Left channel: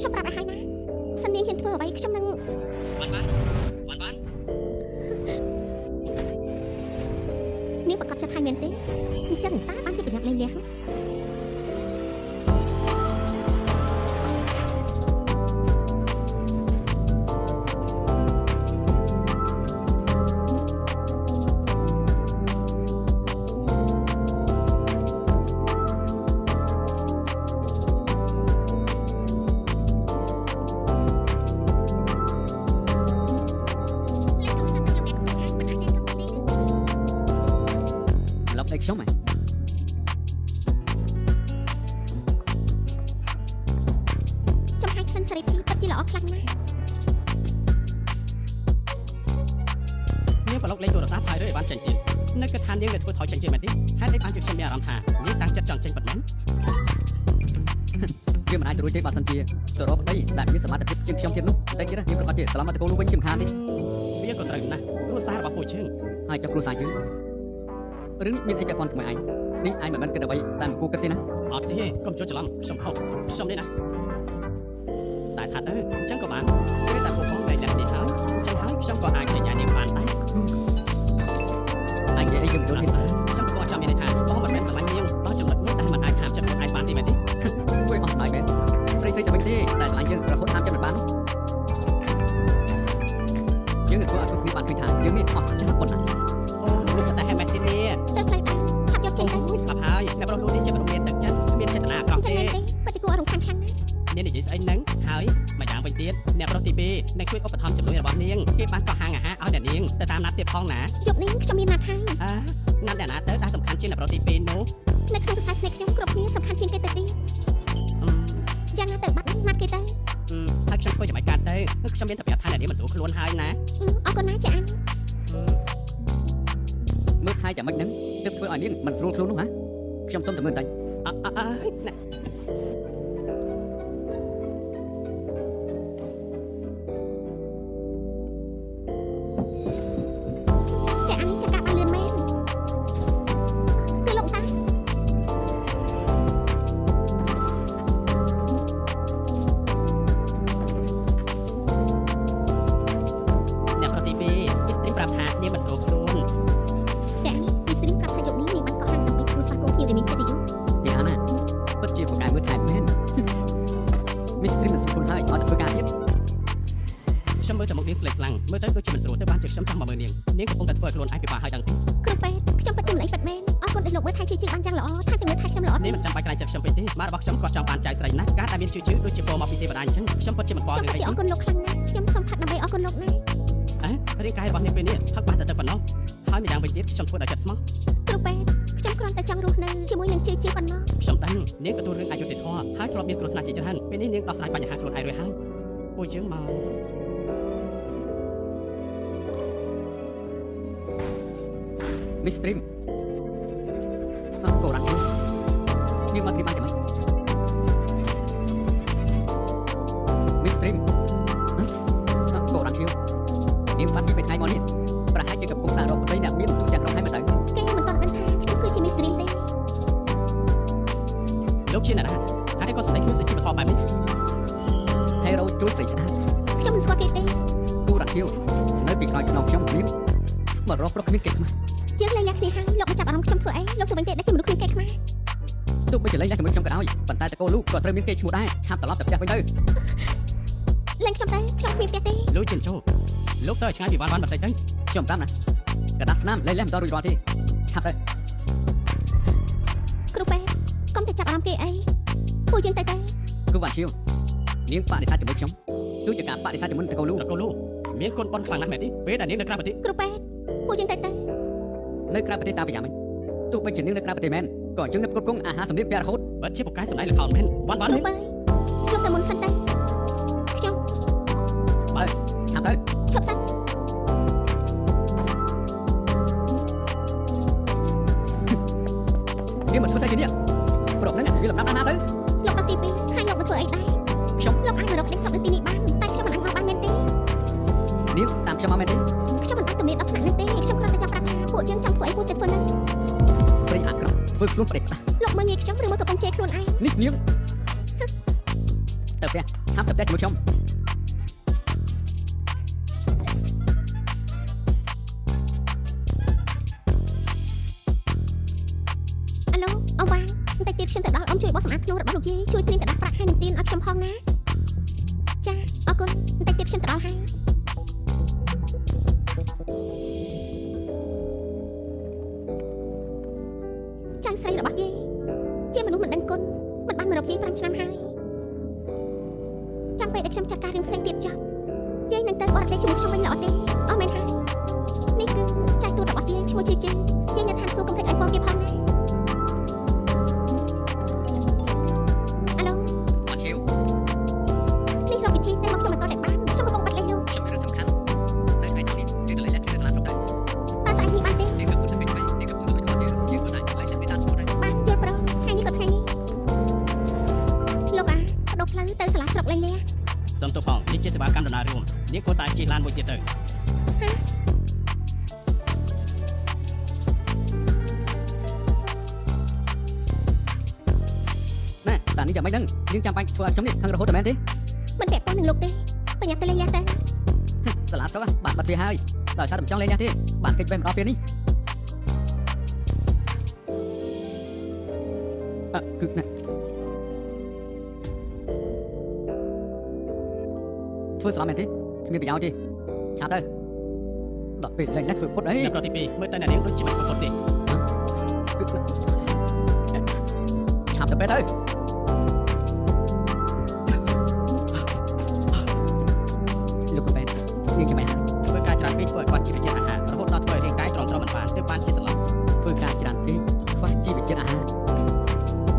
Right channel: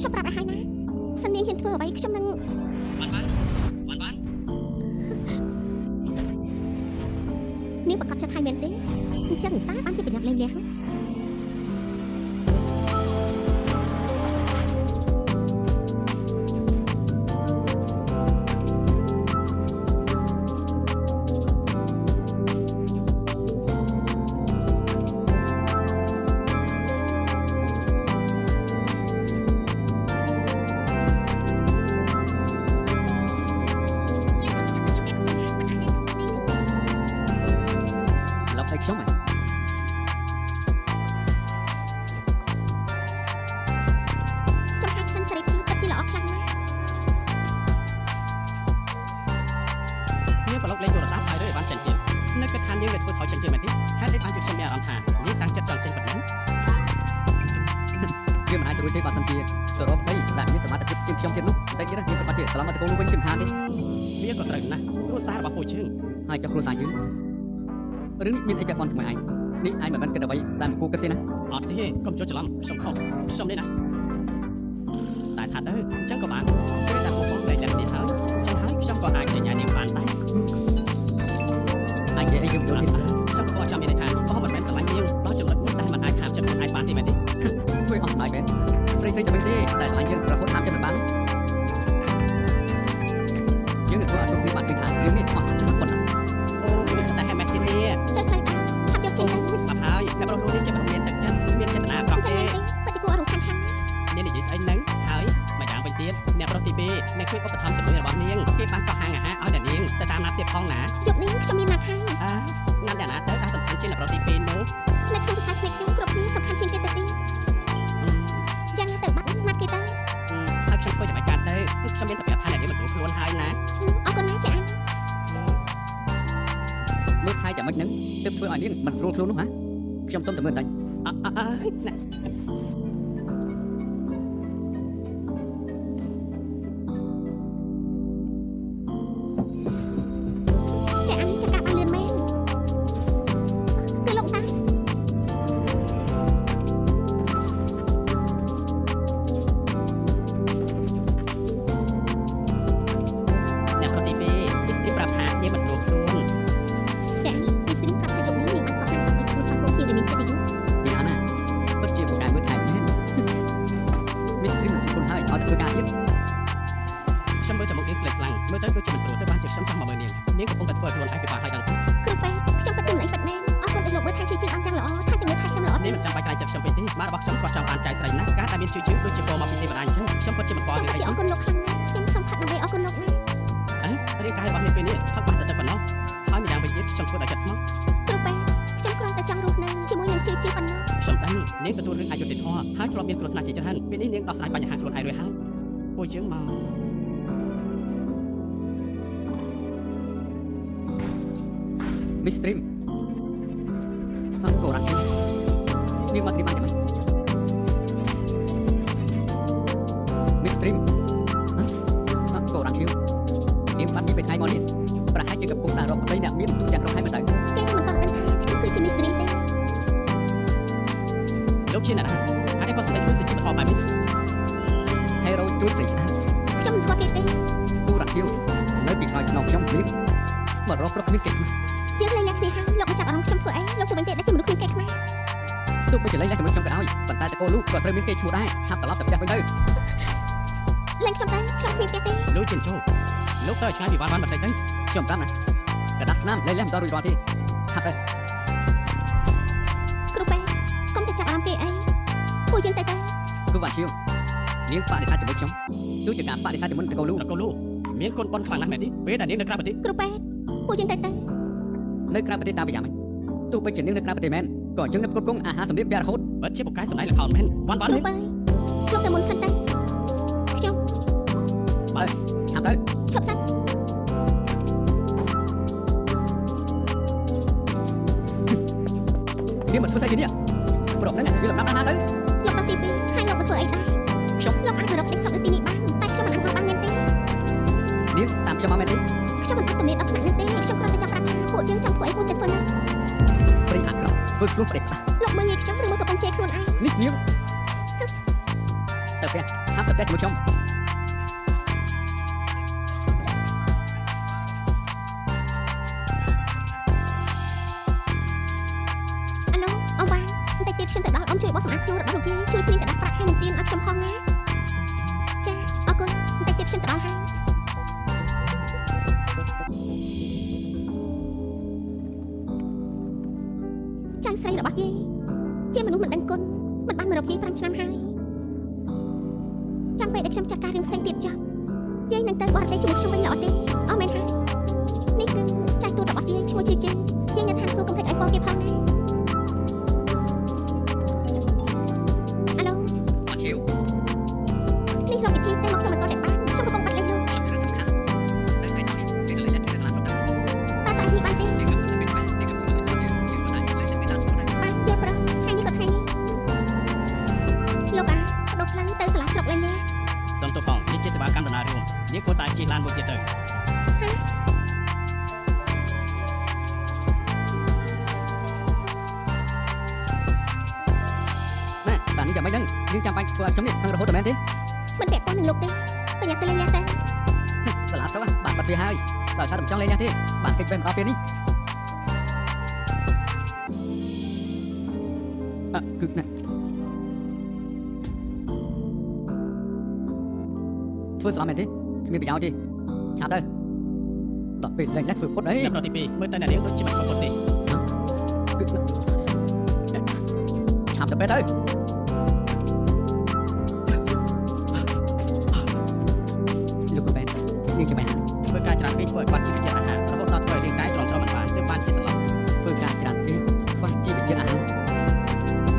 ខ្ញុំប្រាប់ឲ្យហើយណាសិននាងហ៊ានធ្វើអ្វីខ្ញុំនឹងបាននាងប្រកាសចិត្តហើយមែនទេអញ្ចឹងតាបានជាប្រញាប់លេងលះខ្ញុំហ៎ចំហាយក្លិនសេរីភាពពិតជាល្អខ្លាំងណាស់នាងប្រឡូកលេងទូរស័ព្ទហើយឬឲ្យបានចេញទៀតនៅគិតថានាងនឹងធ្វើថយចេញទៀតមែនទេហេតុអីបានជាខ្ញុំមានអារម្មណ៍ថានាងតាំងចិត្តចង់ចេញប៉ុណ្ណឹងវាមិនអាចទៅរួចទេបើសិនជាទៅរកប្តីដែលមានសមត្ថភាពជាងខ្ញុំទៀតនោះតែទៀតនាងប្រកាសជាឆ្លងមកតកូលនោះវិញជាមិនខានទេវាក៏ត្រូវណាស់គ្រួសាររបស់ពួកយើងហើយចុះគ្រួសារយើងរឿងនេះមានអីពាក់ព័ន្ធជាមួយឯងនេះឯងមិនមែនគិតអ្វីតែមិនគួរគិតទេណាអត់ទេកុំចូលច្រឡំខ្ញុំខុសខ្ញុំនេះណាតែថាទៅអញ្ចឹងក៏បានពេលតែពួកបងលែងលះនេះហើយអញ្ចឹងហើយខ្ញុំក៏អាចចេញឲ្យនាងបានដែរឯងនិយាយអីយើងយល់ទៀតខ្ញុំក៏ចាំមានន័យថាបងមិនមែនស្រឡាញ់នាងដល់ចំណុចនេះតែមិនអាចហាមចិត្តខ្លួនឯងបានទេមែនទេជួយអស់ស្នាយមែនស្រីតែវិញទេតែស្រឡាញ់យើងរហូតហាមចិត្តមិនបានយើងនឹងធ្វើឲ្យគ្រប់គ្នាបានឃើញថាយើងនេះអស់ចិត្តប៉ុណ្ណាអូវាស្ដាយហែមែនទេនេះទៅផ្លូវដែរឆាប់យកចេញទៅស្លាប់ហើយអ្នកប្រុសលោកនេះជាមនុស្សមានទឹកចិត្តមានចេតនាត្រង់ទេពិតជាគួររំខានខាននាងនិយាយស្អីហ្នឹងហើយម្យ៉ាងវិញទៀតអ្នកប្រុសទី2អ្នកជួយឧបត្ថម្ភជំនួយរបស់នាងគេបានកោះហាងអាហារឲ្យអ្នកនាងទៅតាមណាត់ទៀតផងណាយប់នេះខ្ញុំមានណាត់ហើយណាត់អ្នកណាទៅដែលសំខាន់ជាងអ្នកប្រុសទី2នោះនៅក្នុងភាសាភ្នែកខ្ញុំគ្រប់គ្នាសំខាន់ជាងគេទៅទៀតយ៉ាងណាទៅបាត់ណាត់គេទៅហើយខ្ញុំធ្វើចាំបាច់កាត់ទៅខ្ញុំមានតែប្រាប់ថាអ្នកនាងមិនស្រួលខ្លួនហើយណាអរគុណណាស់ចាអញមើលថៃចាំមិនហ្នឹងទើបធ្វើឲ្យនាងមិនស្រួលខ្លួននោះហ៎ខ្ញុំសុំតែមើលបន្តិចណាចាអញចកាប់ឲ្យលឿនមែនគឺលោកតាអ្នកប្រតិពីទីស្ទីប្រាប់ថានាងមិនស្រួលខ្លួនពីអាណាពិតជាប្រកែមើលថែមែនមីស្ទ្រីមិនស្រួលហើយឲ្យតែធ្វើការទៀតខ្ញុំមើលតែមុខនាងស្លេកស្លាំងមើលទៅដូចជាមិនស្រួលទៅបានជាខ្ញុំចង់មកមើលនាងកំពុងតែធ្វើឲ្យខ្លួនឯងពិបាកហើយដឹងទេគ្រូពេទ្យខ្ញុំពិតជាមិនអីពិតមែនអរគុណដែលលោកមើលថែជួយជឿបានយ៉ាងល្អថែទាំងមើលថែខ្ញុំល្អនេះមិនចាំបាច់ក្រែងចិត្តខ្ញុំពេកទេម៉ារបស់ខ្ញុំគាត់ចង់បានចៃស្រីណាស់ការដែលមានជឿដូចជាពោមកពីទេវតាអញ្ចឹងខ្ញុំពិតជាមិនខ្វល់រឿងអីអរគុណលោកខ្លាំងណាស់ខ្ញុំសូមផឹកដើម្បីអរគុណលោកណាស់រាងកាយរបស់នាងពេលនេះផឹកបានតែប៉ុណ្ណោះហើយម្យ៉ាងវិញទៀតខ្ញុំធ្វើដោយចិត្តស្មោះគ្រូពេទ្យខ្ញុំគ្រាន់តែចង់រស់នៅជាមួយនឹងជឿប៉ុណ្ណោះខ្ញុំដឹងនាងទទួលរឿងអយុត្តិធម៌ហើយធ្លាប់មានគ្រោះថ្នាក់ជាច្រើនពេលនេះនាងដោះស្រាយបញ្ហាខ្លួនឯងរួចហើយពួកយើងមកមីស្ទ្រីមកូរ៉ានាងមកទីបានចាំមីស្ទ្រីមកូរ៉ានាងបាត់ពីថ្ងៃមកនេះប្រហែលជាកំពុងតែរកប្តីអ្នកមានទូទាំងក្រុមហើយមើលទៅគេមិនតន់ដឹងថាខ្ញុំគឺជាមីស្ទ្រីមទេលោកជាអ្នកណាហើយក៏សម្ដែងខ្លួនសេចក្ដីបខំបែបនេះហេរ៉ូជួយស្រីស្អាតខ្ញុំមិនស្គាល់គេទេទូរ៉ានៅពីក្រោយខ្នងខ្ញុំនេះមករកប្រុសគ្មានគេខ្មាស់ជាងលែងលះគ្នាហើយលោកមកចាប់អារម្មណ៍ខ្ញុំធ្វើអីលោកទៅវិញទេដែលជាមនុស្សគ្មានគេខ្មាស់ទោះបីជាលែងលះជាមួយខ្ញុំក៏ដោយប៉ុន្តែតកូលលោកក៏ត្រូវមានគេឈ្មោះដែរឆាប់ត្រឡប់ទៅផ្ទះវិញទៅលែងខ្ញុំទៅខ្ញុំគ្មានផ្ទះទេលោកជាចូលលោកទៅឆ្ងាយពីវត្តបន្តិចទៅខ្ញុំតាមណាកដាស់ស្នាមលែងលះមិនដល់រួចរាល់ទេឆាប់ទៅគ្រូពេទ្យកុំទៅចាប់អារម្មណ៍គេអីពួកយើងទៅគឺវ៉ាជាវនាងបដិសេធជាមួយខ្ញុំដូចជាការបដិសេធជាមួយតកូលលោកមានគុណប៉ុនខ្លាំងណាស់មែនទេពេលដែលនាងនៅក្រៅប្រទេសគ្រូពេទ្យពួកយើងទៅនៅក្រៅប្រទេសតាមប្រយ៉ាងម៉េចទោះបីជានាងនៅក្រៅប្រទេសមែនក៏យើងនៅផ្គត់ផ្គង់អាហារសម្ភារៈរហូតបើជាប្រកាសសម្ដែងល្ខោនមែនវ៉ាន់គ្រូពេទ្យខ្ញុំទៅមុនសិនទៅខ្ញុំបើឆាប់ទៅឈប់សិននាងមកធ្វើស្អីទីនេះប្រុសហ្នឹងវាលំដាប់ណាស់ទៅលោកដល់ទី2ហើយលោកមកធ្វើអីដែរខ្ញុំលោកអាចមករកដេកសុកនៅទីនេះបានតែខ្ញុំមិនអាចមកបានមែនទេនាងតាមខ្ញុំមកមែនទេខ្ញុំមិនអាចទំនេរដល់ថ្នាក់នេះទេខ្ញុំគ្រាន់តែចាប់ប្រាប់ថាពួកយើងចង់ធ្វើអីពួកចិត្តធ្វើហ្នឹងស្រីអាក្រក់ធ្វើខ្លួនប្តេកផ្ដាស់លោកមើលងាយខ្ញុំឬមកកំពុងជេរខ្លួនឯងនេះនាង ទៅផ្ទះឆាប់ទៅផ្ទះជាមួយខ្ញុំ អាឡូអូវ៉ាបន្តិចទៀតខ្ញុំទៅដល់អ៊ំជួយបោះសម្អាតខ្លួនរបស់លោកយាយជួយព្រៀងกระดาษប្រាក់ហើយនឹងទៀនឲ្យខ្ញុំផងណាចាអរគុណបន្តិចទៀតខ្ញុំទៅដល់ហើយចៅស្រីរបស់យាយជាមនុស្សមិនដឹងគុណមិនបានមករកយាយ5ឆ្នាំហើយចាំពេលដែលខ្ញុំចាត់ការរឿងផ្សេងទៀតចប់យាយនឹងទៅបរទេសជាមួយខ្ញុំវិញល្អទេអស់មែនហើយនេះគឺចៅទូតរបស់យាយឈ្មោះជាយាយនៅឋានសួគ៌កុំភ្លេចឲ្យពរគេផងណាអាឡូ អត់ជិវ នេះរកវិធីតែមកខ្ញុំមិនទាន់តែបានខ្ញុំកំពុងបាត់លេខលោក ខ្ញុំមានរឿងសំខាន់នៅថ្ងៃនេះជួយទៅលេខលាក់គ្នាសាលាស្រុកទៅ តើស្អែកនេះបានទេ នេះគឺមុនទៅពេលនេះគឺមុនទៅពេលយើងក៏តែលេខលាក់គ្នាតាមស្រុកទៅ បានយល់ព្រមថ្ងៃនេះក៏ថ្ងៃនេះលោកអាបដូរផ្លូវទៅសាលាស្រុកលេងលា សូមទោសផងនេះជាសេវាកម្មដំណើររួមនេះក៏តែជិះឡានមួយទៀតទៅ ណែតានេះចាំមិនដឹងយើងចាំបាច់ធ្វើឲ្យខ្ញុំនេះខឹងរហូតតែមែនទេ មិនពាក់ព័ន្ធនឹងលោកទេបញ្ញាទៅលេងលាទៅ សាលាស្រុកបានបាត់វាហើយដោយសារតែមិនចង់លេងញ៉ាទេបានកិច្ចវេះមកដល់ពេលនេះគឺណាធ្វើស្លាប់មែនទេគ្មានប្រយោជន៍ទេឆាប់ទៅដល់ពេលលេងលាក់ធ្វើពុតអី អ្នកប្រតិពីមើលទៅអ្នកនាងដូចជាមិនប្រកបទេ គឺឆាប់ទៅពេលទៅលោកកូនបែននាងចាំបាយហើយ ធ្វើការច្រើនពេកធ្វើឲ្យខ្វះជីវជាតិអាហាររហូតដល់ធ្វើឲ្យរាងកាយទ្រាំទ្រមិនបានទើបបានជាសន្លប់ ធ្វើការច្រើនពេកខ្វះជីវជាតិអាហារ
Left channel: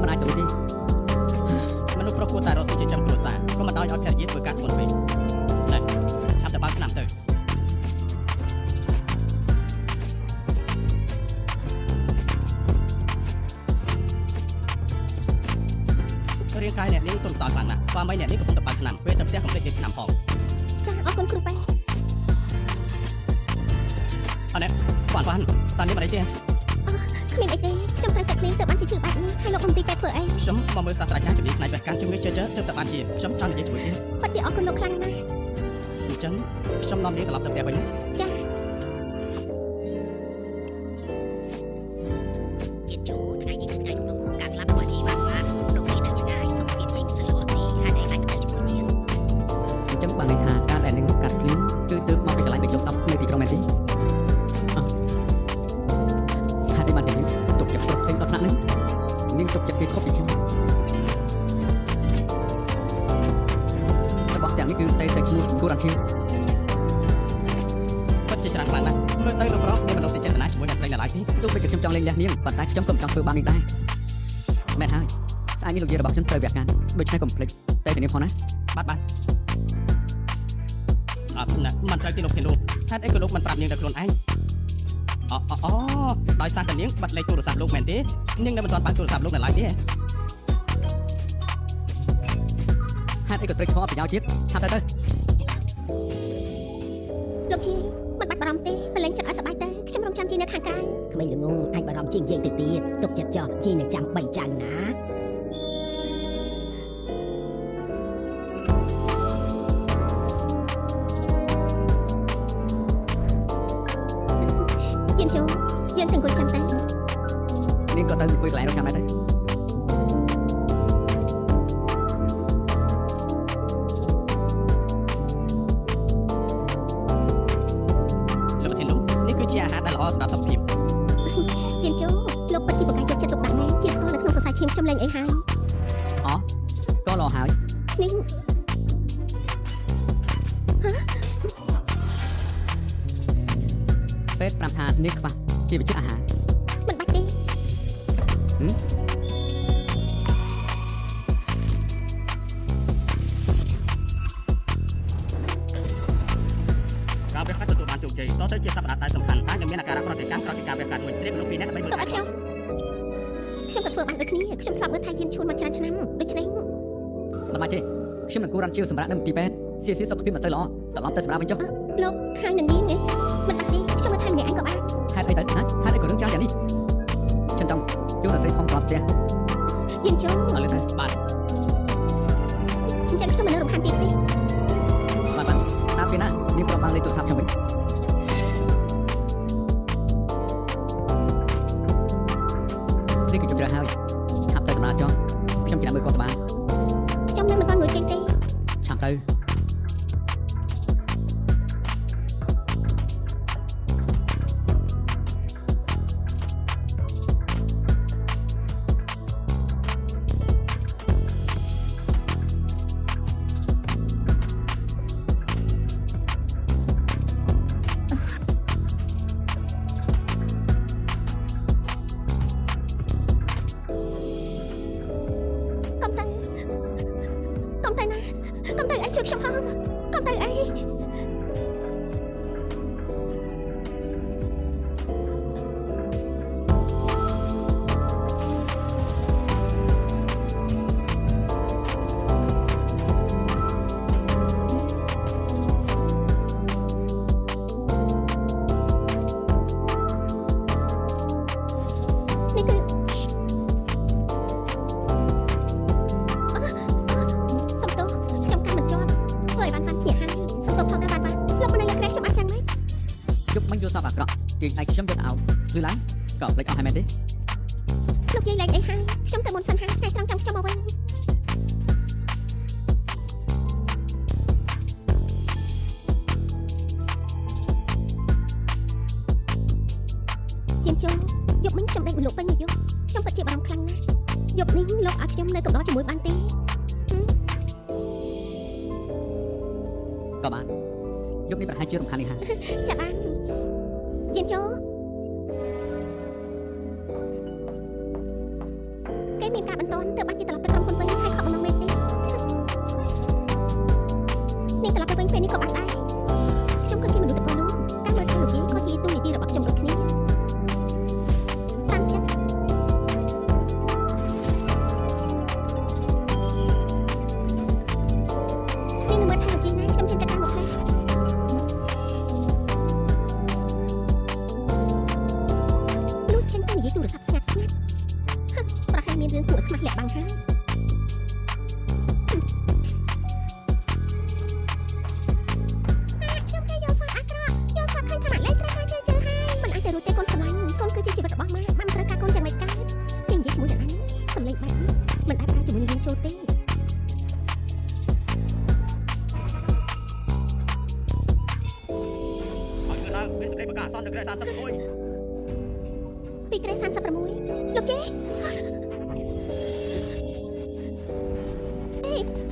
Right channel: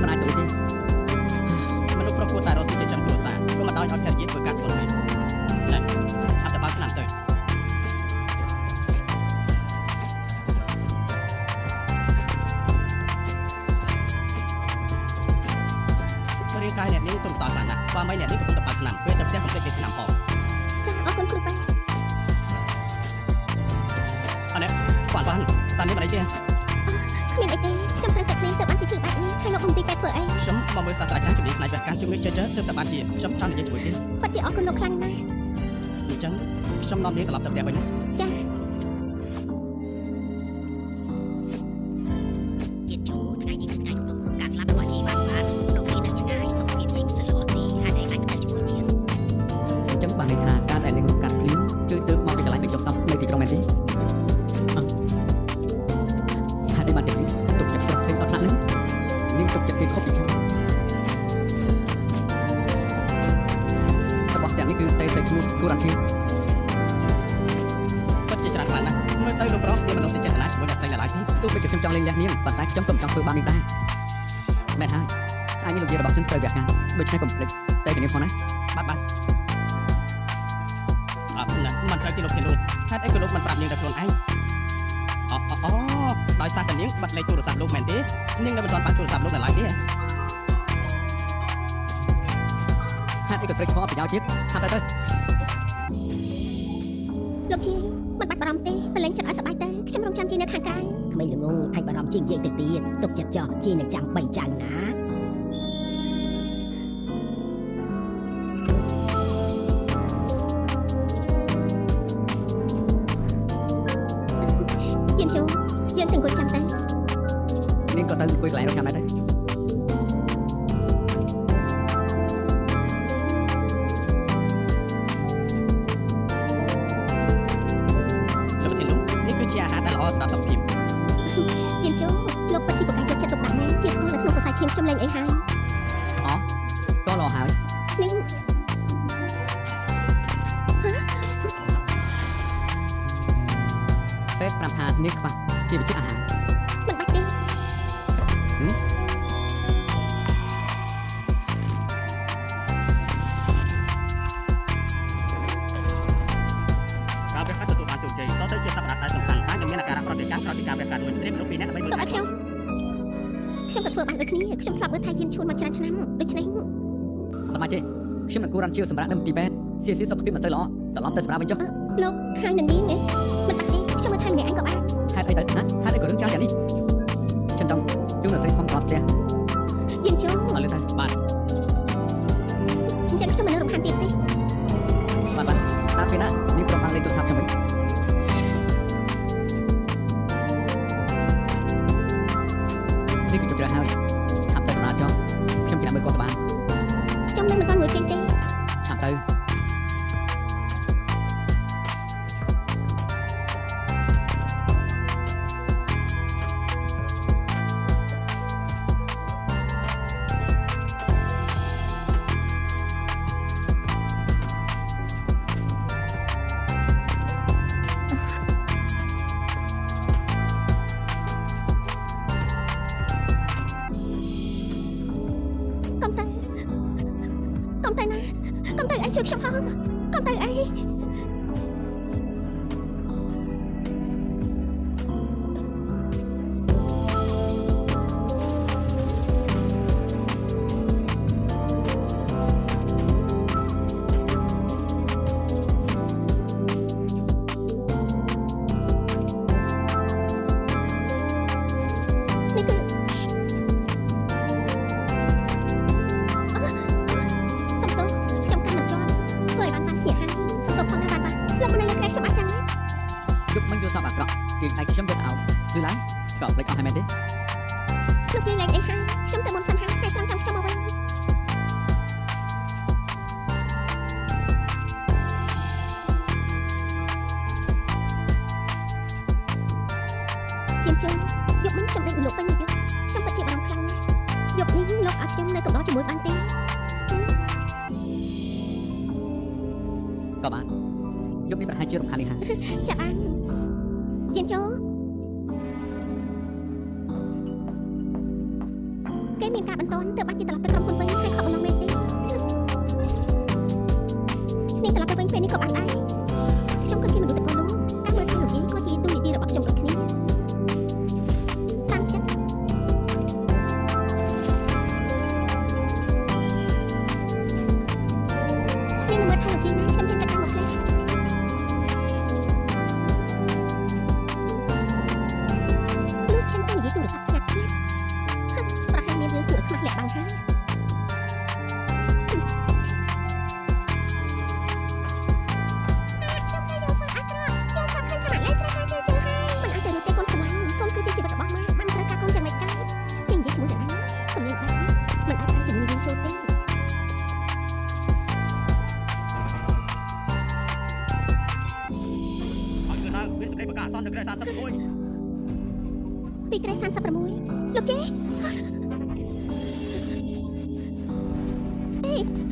មិនអាចទៅទេ មនុស្សប្រុសគួរតែរកស៊ីចិញ្ចឹមគ្រួសារក៏មិនដោយឲ្យភរិយាធ្វើការធ្ងន់ពេកណែឆាប់ទៅបើកឆ្នាំទៅរាងកាយអ្នកនាងទុំសោយខ្លាំងណាស់ស្វាមីអ្នកនាងកំពុងតែបើកឆ្នាំពេលទៅផ្ទះកំភ្លេចលេខឆ្នាំផង ចាអរគុណគ្រូប៉ែ អរនេះបានតានេះមិនអីទេ គ្មានអីទេខ្ញុំត្រូវតែភ្លេងទៅបានជាជឿបែបនេះហើយលោកមន្ទីរពេទ្យធ្វើអី ខ្ញុំមកមើលសាស្ត្រាចារ្យជំនាញផ្នែកវេះកាត់ជំងឺជើទើបតែបានជាខ្ញុំចង់និយាយជាមួយទេ ពិតជាអរគុណលោកខ្លាំងណាស់ អញ្ចឹងខ្ញុំនាំនាងត្រឡប់ទៅផ្ទះវិញណា ចា ជាតិចូលថ្ងៃនេះគឺថ្ងៃគម្រប់ក្នុងការស្លាប់របស់ជីវ៉ាន់បានដូរពីនៅឆ្ងាយសុខភាពយើងមិនសូវល្អទេហើយតែអាចទៅជាមួយនាង អញ្ចឹងបានន័យថាការដែលនាងកាត់ភ្លៀងជួយទៅមកពីកន្លែងដែលចុះសពនៅទីក្រុងមែនទេហើយបានតែនាងទុកចិត្តគ្រប់ផ្សេងដល់ថ្នាក់នេះនាងទុកចិត្តគេខុសពីខ្ញុំរបស់ទាំងនេះគឺតែឈ្មោះគូរ៉ាន់ឈី ពិតជាច្រើនខ្លាំងណាស់មើលទៅលោកប្រុសមានមនោសញ្ចេតនាជាមួយអ្នកស្រីនៅឡើយទេ ទោះបីជាខ្ញុំចង់លេងលះនាងប៉ុន្តែខ្ញុំក៏មិនចង់ធ្វើបាននេះដែរមែនហើយស្អែកនេះលោកយាយរបស់ខ្ញុំត្រូវវាការដូច្នេះកុំភ្លេចតែនាងផងណា បាទអត់ណាមិនត្រូវទីលោកទេលោកហេតុអីក៏លោកមិនប្រាប់នាងតែខ្លួនឯងអូដោយសារតែនាងបាត់លេខទូរស័ព្ទលោកមែនទេនាងនៅមិនទាន់បានទូរស័ព្ទលោកនៅឡើយទេ ហេតុអីក៏ត្រូវឆ្លងប្រយោជន៍ជាតិឆាប់ទៅ លោកជីមិនបាច់បារម្ភទេប្រឡែងចិត្តឲ្យសប្បាយទៅខ្ញុំរងចាំជីនៅខាងក្រៅ ក្មេងល្ងងអាចបារម្ភជាងយើងទៅទៀតទុកចិត្តចោះជីនៅចាំ3ចៅណា យានចូលយើងទៅអង្គុយចាំទៅ នាងក៏ទៅអង្គុយកន្លែងរកចាំដែរទៅ លោកប្រធានលោកនេះគឺជាអាហារដែលល្អសម្រាប់សុខភាព យានចូលលោកពិតជាប្រកាសយកចិត្តទុកដាក់មែនជាស្គាល់នៅក្នុងសរសៃឈាមខ្ញុំលេងអីហើយ អូក៏ល្អហើយ នេះ ពេទ្យប្រាប់ថានាងខ្វះជីវជាតិអាហារ មិនបាច់ទេ ការវះកាត់ទទួលបានជោគជ័យតទៅជាសប្តាហ៍ដែលសំខាន់តែនឹងមានអាការៈប្រតិកម្មក្រោយពីការវះកាត់មួយព្រាមមនុស្សពីរនាក់ដើម្បីមើល ទុក កា ឲ្យ ត់ ខ្ញុំក៏ធ្វើបានដូចគ្នាខ្ញុំធ្លាប់មើលថៃយានឈួនមកច្រើនឆ្នាំដូច្នេះ មិនបាច់ទេខ្ញុំនឹងគូរ៉ាន់ជឿសម្រាប់នៅមន្ទីរពេទ្យស៊ីសុខភាពមិនសូវល្អត្រឡប់ទៅសម្រាប់វិញចុះ លោកហើយនឹងនាងមិនបាច់ទេខ្ញុំមើលថៃម្នាក់ឯងក៏បាន ហេតុអីទៅណាហេតុអីក៏រឿងច្រើនយ៉ាងនេះខ្ញុំចង់ជួនអ្នកស្រីធំត្រឡប់ផ្ទះ យានចូល ឲ្យលឿនទៅ ច ចឹងខ្ញុំមិននៅរំខានទៀតទេ បានតាមពេលណានាងប្រំបានលេខទូរស័ព្ទខ្ញុំវិញនេះគឺជប់ច្រើនហើយឆាប់ទៅដំណើរចុះខ្ញុំចាំមើលគាត់បាន ខ្ញុំនៅមិនទាន់ងើយចេញទេ ឆាប់ទៅ កុំទៅណាកុំទៅអីជួយខ្ញុំផងកុំទៅអី នេះគឺសំទោសខ្ញុំកាន់មិនជាប់ធ្វើឲ្យបានភ្ញាក់ហើយសំទោសផងណាបានលោកមិននៅលើក្រែខ្ញុំអាចចឹងទេ ជប់មិញយល់សប្តិអាក្រក់គេឯងខ្ញុំយកទៅអោបឬឡើងក៏ភ្លេចអស់ហើយមែនទេ លោកយាយលេងអីហើយខ្ញុំទៅមុនសិនហើយថ្ងៃត្រង់ចាំខ្ញុំមកវិញជាងជើងយប់មិញខ្ញុំដេកលោកពេញមួយយប់ខ្ញុំពិតជាបារម្ភខ្លាំងណាស់យប់នេះលោកឲ្យខ្ញុំនៅកំដរជាមួយបានទេ ក៏បានយប់នេះប្រហែលជារំខាននេះហើយ ចាប់បានជាងជើងគេមានការបន្ទន់ទើបបានជាត្រឡប់ទៅក្រុមហ៊ុនវិញហើយខកបន្លងមែនទេនាងត្រឡប់ទៅវិញពេលនេះក៏បានដែរខ្ញុំក៏ជាមនុស្សតកូននោះការមើលថែលោកយាយក៏ជាទូនីតិរបស់ខ្ញុំដូចគ្នាតាមចិត្តនាងមើលថែលោកយាយណាខ្ញុំចេញទៅតាមមកផ្លែលោកចេញទៅនិយាយទូរស័ព្ទស្ងាត់ប្រហែលមានរឿងគួរឲ្យខ្មាស់លាក់បាំងហើយខ្ញុំគេយកសាប់អាក្រក់យកសាប់ឃើញថាម៉ាក់លេងត្រូវការជួយជើហើយមិនអាចទៅរួចទេកូនស្រឡាញ់កូនគឺជាជីវិតរបស់ម៉ាក់មិនត្រូវការកូនយ៉ាងម៉េចកើតគេនិយាយជាមួយអ្នកណាសម្លេងបែបនេះមិនអាចប្រើជាមួយនឹងយើងចូលទេ ឲ្យគឺឡើងមានសេចក្តីប្រកាសអសន្ននៅក្រែ36 ពីក្រែ36លោកជេ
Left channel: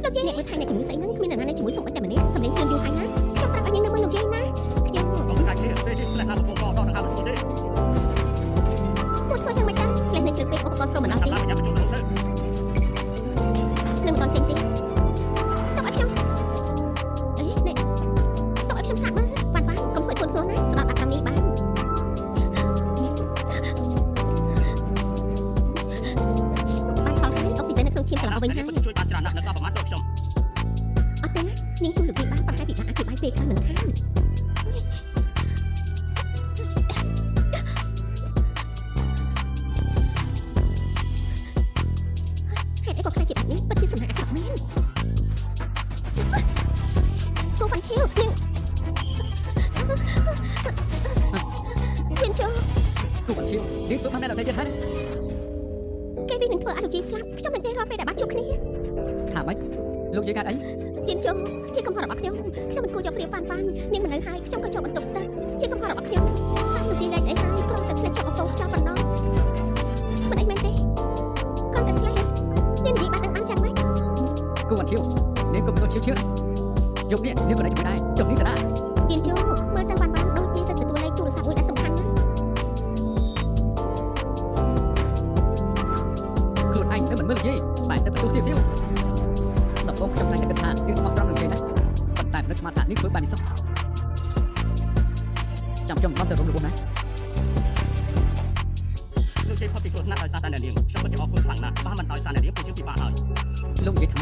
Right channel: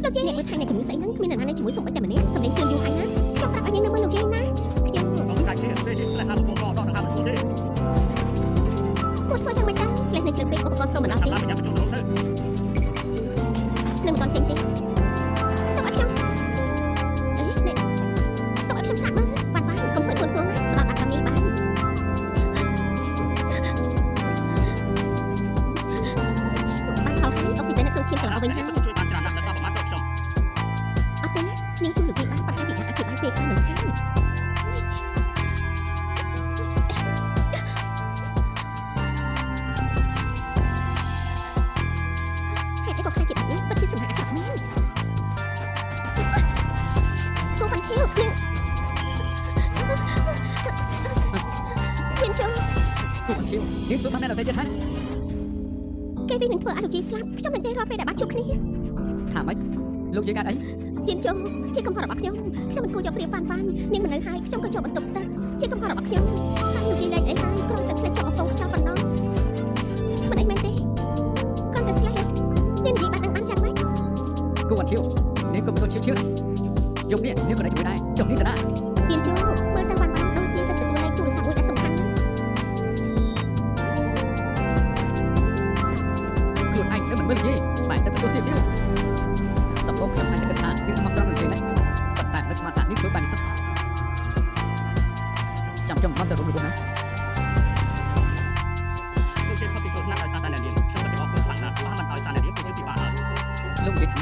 លោកជេអ្នកមើលថែអ្នកជំងឺស្អីហ្នឹងគ្មានអ្នកណានៅជាមួយសុំអីតែម្នាក់សម្លេងជឿនយូរហើយណាខ្ញុំប្រាប់ឲ្យនាងនៅមើលលោកជេណាខ្ញុំ ក៏មិនដាច់ទេពេលនេះស្លេះឡើងកំពុងកដល់ដង្ហើមមិនស្រួលទេ គួរធ្វើយ៉ាងម៉េចដែរស្លេះនៅជ្រឹកពេកឧបករណ៍ស្រោមមិនដល់ទេ តាមឡើងប្រចាំប្រជុំទៅ នឹងមិនដល់ចេញទេតោះឲ្យខ្ញុំអីនេះតោះឲ្យខ្ញុំសាកមើលបានកុំធ្វើខ្លួនខ្លួនណាស្ដាប់អាកម្មនេះបានបានខលហើយអុកស៊ីហ្សែននៅក្នុងឈាមត្រឡប់វិញហើយ ជួយបានច្រើនណាស់នៅសល់ប្រមាណទៅខ្ញុំ អត់ទេណានាងជួយលោកយាយបានប៉ុន្តែពីថាអធិប្បាយពេកខ្លាំងមិនខានហេតុអីក៏ខ្លាចជាបែបនេះពិតជាសំណាក់អាក្រក់មែនគូវ៉ាន់ឈៀវនាងមានចូល គូបាត់ឈៀវនាងធ្វើបានតែដល់តែទៀតហើយ គេវិញនឹងធ្វើឲ្យលោកយាយស្លាប់ខ្ញុំមិនទេរាល់ពេលដែលបានជួបគ្នា ថាម៉េចលោកយាយកាត់អី ជាចូលជាកំហុសរបស់ខ្ញុំមិនគួរយកព្រៀបវ៉ាន់នាងមិននៅហើយខ្ញុំក៏ចូលបន្ទប់ទឹកជាកំហុសរបស់ខ្ញុំហើយលោកយាយលេងអីហើយគ្រាន់តែស្លេះចុះកំពង់ខ្យល់ប៉ុណ្ណោះមិនអីមែនទេគ្រាន់តែស្លេះនាងនិយាយបានដឹងបានចាំម៉េច គូបាត់ឈៀវនាងកុំទៅឈៀវយប់នេះនាងក៏នៅជាមួយដែរចុះនេះទៅណា ជាចូលមើលទៅវ៉ាន់ដូចជាទៅទទួលលេខទូរស័ព្ទមួយដែលសំខាន់ណាស់ ខ្លួនឯងនៅមិនមើលយាយបែរទៅបន្ទោសសៀវដំបូងខ្ញុំតែគិតថានាងស្មោះត្រង់នឹងយាយណាស់ប៉ុន្តែនៅស្មានថានាងធ្វើបាននេះសោះចាំខ្ញុំមកទៅរំលឹកណា លោកជ័យផុតពីគ្រោះថ្នាក់ដោយសារតែអ្នកនាងខ្ញុំពិតជាអរគុណខ្លាំងណាស់បើមិនដោយសារអ្នកនាងគឺជាពិបាកហើយ លោកយាយថា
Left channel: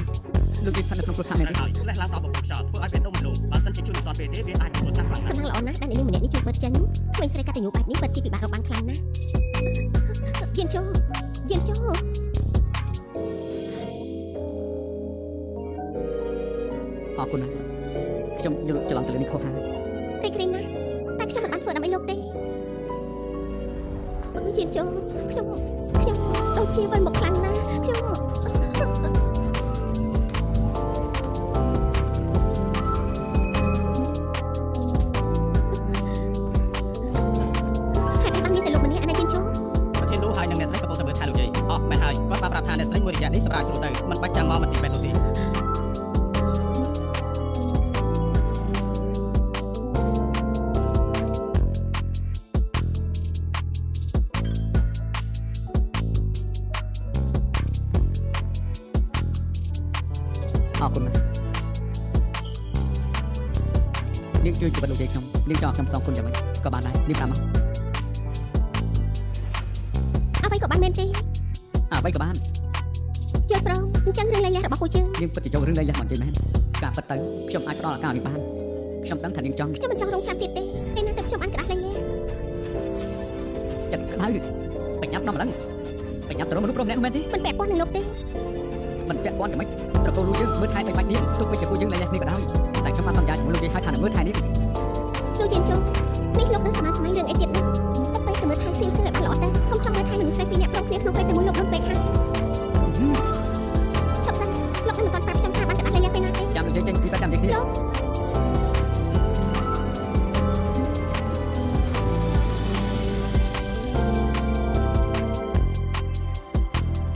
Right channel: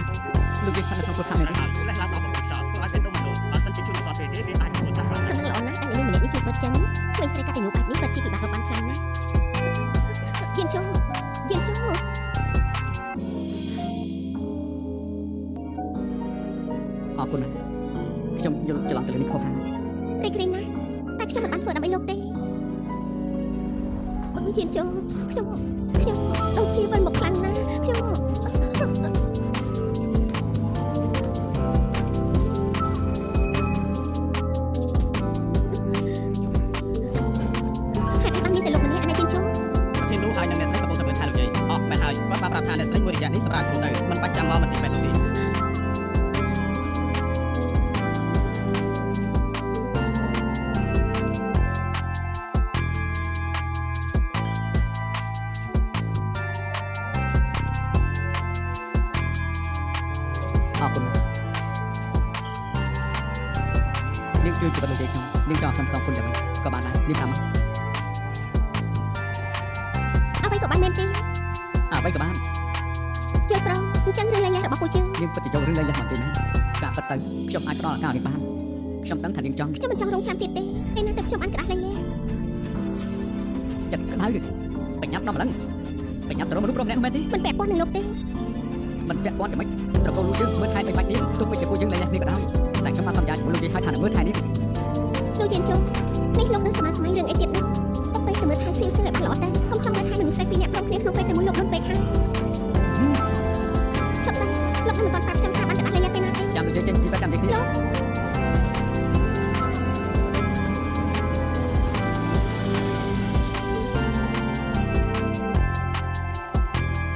លោកយាយថានៅក្នុងគ្រោះថ្នាក់មែនទេ ហើយស្លេះឡើងដល់កំពង់ខ្យល់ធ្វើឲ្យពេលដុំមិនលងបើសិនជាជួយមិនតាន់ពេលទេវាអាចទទួលចាស់ខ្លាំងណាស់ សំណាងល្អណាស់ដែលនាងម្នាក់នេះជួយបិទចិនក្មេងស្រីកាត់តែញូបែបនេះពិតជាពិបាករកបានខ្លាំងណាស់ជាចូល អរគុណណាស់ខ្ញុំយល់ច្រឡំទៅលើនេះខុសហើយ រីករាយណាស់តែខ្ញុំមិនបានធ្វើដើម្បីលោកទេអូយជានជោខ្ញុំដូចជាវិលមកខ្លាំងណាស់ខ្ញុំហេតុអីបានមានតែលោកម្នាក់អានេះជានជោ ប្រធាននោះហើយនឹងអ្នកស្រីកំពុងតែមើលថែលោកយាយអស់មែនហើយគាត់បានប្រាប់ថាអ្នកស្រីមួយរយៈនេះសម្រាប់ស្រួលទៅមិនបាច់ចាំមកមិនទីពេទ្យនោះទេ អរគុណណាស់នាងជួយជីវិតលោកយាយខ្ញុំនាងចង់ខ្ញុំសងគុណយ៉ាងម៉េចក៏បានដែរនាងប្រាប់មក អ្វីក៏បានមែនទេ អ្វីក៏បាន ជើប្រុសអញ្ចឹងរឿងលែងលះរបស់ពូជើង នាងពិតជាយករឿងលែងលះមកនិយាយមែនការពិតទៅខ្ញុំអាចផ្ដល់ឱកាសនាងបានខ្ញុំដឹងថានាងចង់ ខ្ញុំមិនចង់រងចាំទៀតទេឯណាតែខ្ញុំអានក្តាស់លែងលះ ចិត្តក្តៅបញ្ញាប់ដល់ម្លឹងបញ្ញាប់ទៅរកមនុស្សប្រុសម្នាក់នោះមែនទេ មិនពាក់ព័ន្ធនឹងលោកទេ មិនពាក់ព័ន្ធទៅមិនត្រកូលលោកយើងមើលថែបីបាច់នាងទោះបីជាពួកយើងលែងលះគ្នាក៏ដោយតែខ្ញុំបានសន្យាជាមួយលោកយាយហើយថានឹងមើលថែនាង លោកជានជោនេះលោកនៅសមាសម័យរឿងអីទៀតនោះទុកពេលទៅមើលថែសៀលឲ្យបានល្អទៅកុំចង់មើលថែមនុស្សស្រីពីរនាក់ព្រមគ្នាក្នុងពេលតែមួយលោកមិនពេកហើយឈប់សិនលោកមិនទាន់ប្រាប់ខ្ញុំថាបានក្តាស់លែងលះពេលណាទេ ចាំលោកយាយចេញពីបែបចាំនិយាយគ្នា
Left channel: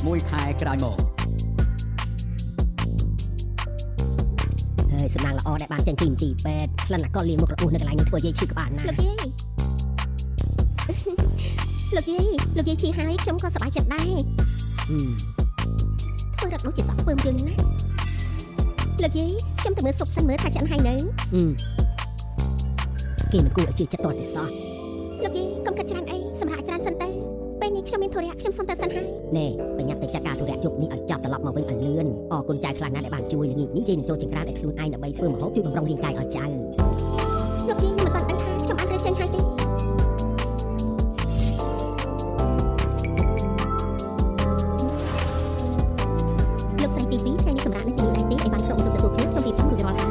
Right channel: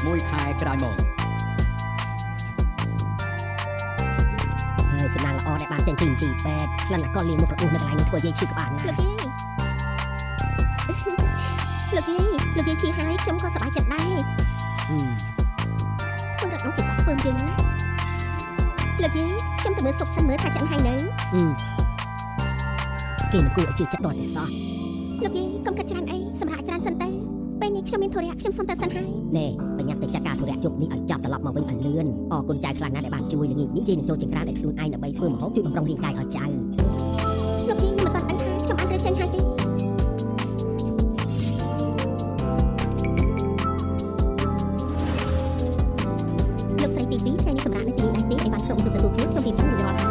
មួយខែក្រោយមក ហើយសំណាងល្អដែលបានចេញពីមន្ទីរពេទ្យក្លិនអាកុលលៀងមុខរបួសនៅកន្លែងនោះធ្វើយាយឈឺក្បាលណា លោកយាយលោកយាយឈឺហើយខ្ញុំក៏សប្បាយចិត្តដែរធ្វើរត់នោះជាសក់ពើមយើងណាលោកយាយខ្ញុំទៅមើលសុកសិនមើលថាឆ្អិនហើយនៅ គេមិនគួរឲ្យជឿចិត្តតតែសោះ លោកយាយកុំកាត់ច្រើនអីសម្រាប់ច្រើនសិនទៅពេលនេះខ្ញុំមានធុរៈខ្ញុំសុំទៅសិនហើយ ណែបញ្ញាប់ទៅចាត់ការធុរៈជប់នេះឲ្យចាប់ត្រឡប់មកវិញឲ្យលឿនអរគុណចៅខ្លាំងណាស់ដែលបានជួយល្ងាចនេះយាយនឹងចូលចង្ក្រានឲ្យខ្លួនឯងដើម្បីធ្វើម្ហូបជួយបំរុងរាងកាយឲ្យចៅ លោកយាយមិនបានដឹងថាខ្ញុំបានរើចេញហើយទេលោកស្រីទី2ថ្ងៃនេះសម្រាប់នៅទីនេះដែរទេឲ្យបានក្នុងបន្ទប់ទទួលភ្ញៀវខ្ញុំរៀបចំរួចរាល់ហើយ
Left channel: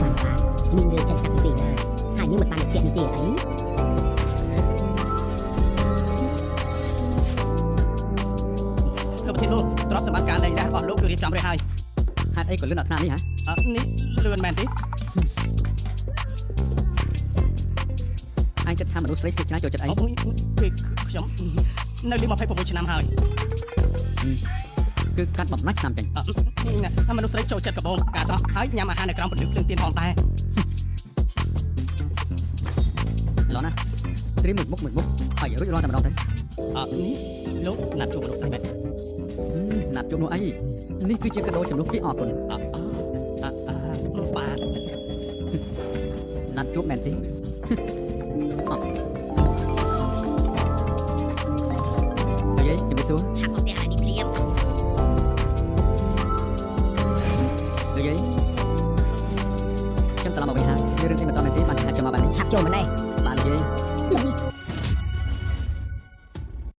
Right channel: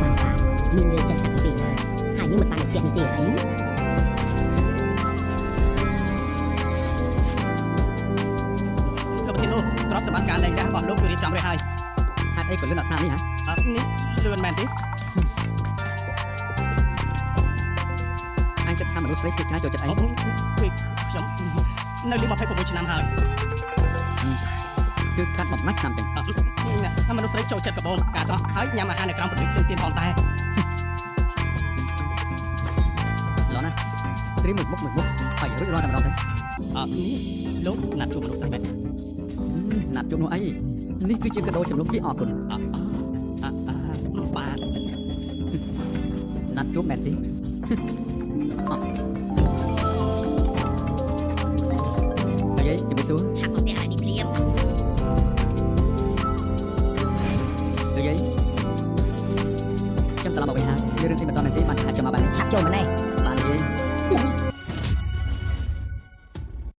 បានបាទមានរឿងចាត់តាំងពីពេលណាហើយនឹងមិនបានពាក្យនេះទេអី លោកប្រធាននោះទ្រព្យសម្បត្តិការលែងលះរបស់លោកគឺរៀបចំរួចហើយ ហេតុអីក៏លឿនដល់ថ្នាក់នេះហ៎ នេះលឿនមែនទេ អញគិតថាមនុស្សស្រីភាគច្រើនចូលចិត្តអី អូគឺខ្ញុំនៅលី26ឆ្នាំហើយ គឺកាត់បំណាច់ឆ្នាំចឹង មនុស្សស្រីចូលចិត្តកាបូបការស្រស់ហើយញ៉ាំអាហារនៅក្រោមពន្លឺភ្លើងទៀនផងតែ ឡោះណាត្រៀមមុខឲ្យរួចរាល់តែម្ដងទៅ នេះលោកណាត់ជួបមនុស្សស្រីមែន ណាត់ជួបនោះអីនេះគឺជាកាដូចំនួនពីអរគុណ បាទ ណាត់ជួបមែនទេអីជំរាបសួរ ឆាប់មកផ្ទះហើយនេះភ្លាម លោកយាយខ្ញុំត្រឡប់មកវិញហើយមានរឿងអីបន្តមែនទេបានឆាប់ចូលមកបាននេះ ឆាប់ចូលមកនេះ បានលោកយាយ